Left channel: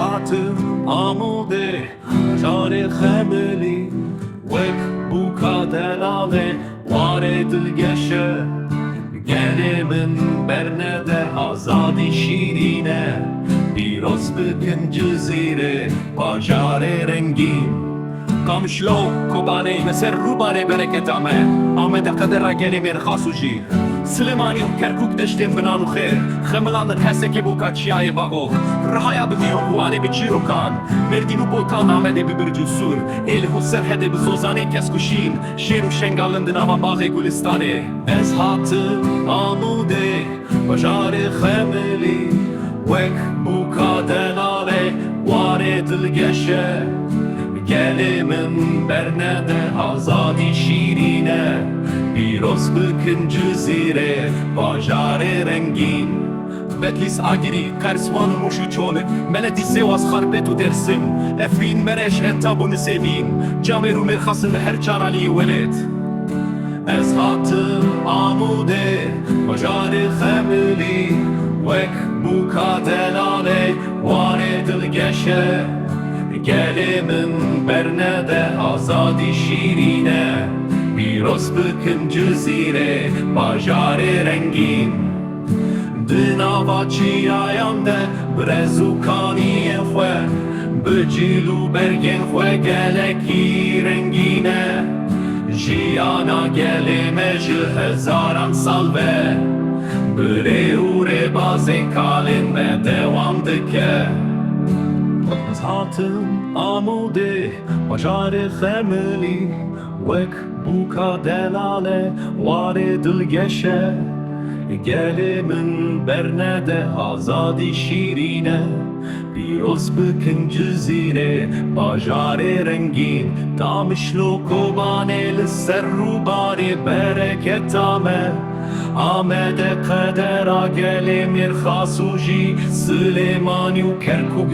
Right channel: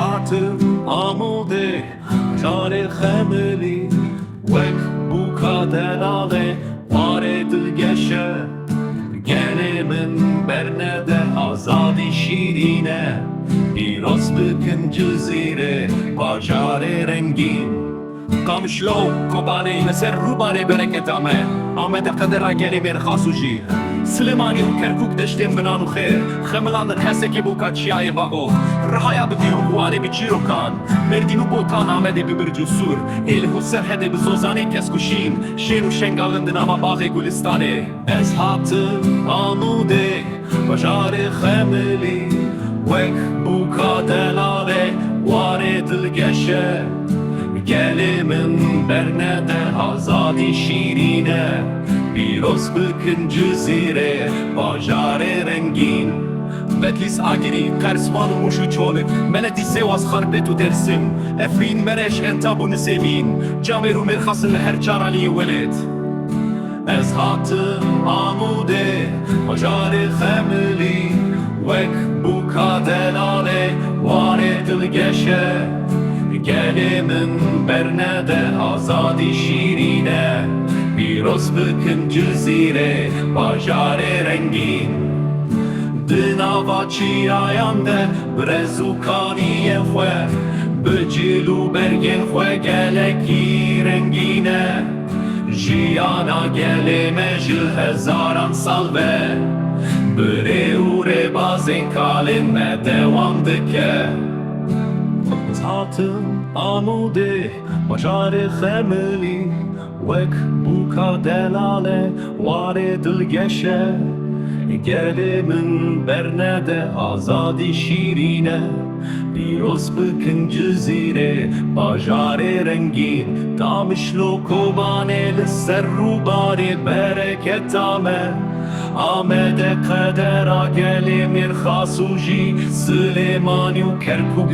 hatim Amûdê bajarê xemilî wek bûka delal warê dilgeşe Gelê min bernede azadî şîrîn Pîroz bikin Cizîrê bajarê rengîn Qamişlo Kobanê li rûbarê bereketa Amed qedera Gelê mêrxas û jîr Silêmanî û Kerkûk deştên binan û xêr Xemilandin Hesekê bûka çiyayê Bagok Rihaya bikin û Warê bi çîrokan Merdîn û botan Amedê bi birc û sûr Êlih û serhedê bi zozanê keskûşîn Şêr û şengalin di nava baxê gulistanê Ez hatim Amûdê bajarê xemilî wek bûka delal warê dilgeşe Gelê min bernede azadî şîrîn Pîroz bikin Cizîrê bajarê rengîn Bedlîs agirî qersvan û mûş û çolê Meletî sêwas xarbet û dersim Efrîn mereş entab û nisêvîn Camêr û mêrxasın li her çaralî welêt Ez hatim Amûdê bajarê xemilî wek bûka delal warê dilgeşe Gelê min bernede azadî şîrîn Pîroz bikin Cizîrê bajarê rengîn Di nava çiyayan de birez û kaniyên xwe Bi cîl û bergên xwe gelekî rengîn Jiyana gelê me ji hezaran sal ve Birê û rêbazên kalên me dewam dike Ez hatim Amûdê bajarê xemilî wek bûka delal warê dilgeşe Gelê min bernede azadî şîrîn Pîroz bikin Cizîrê bajarê rengîn Qamişlo Kobanê li ser rûbarê bereketa me Amed qedera Gelê mêrxas û jî Silêmanî û Kerkûk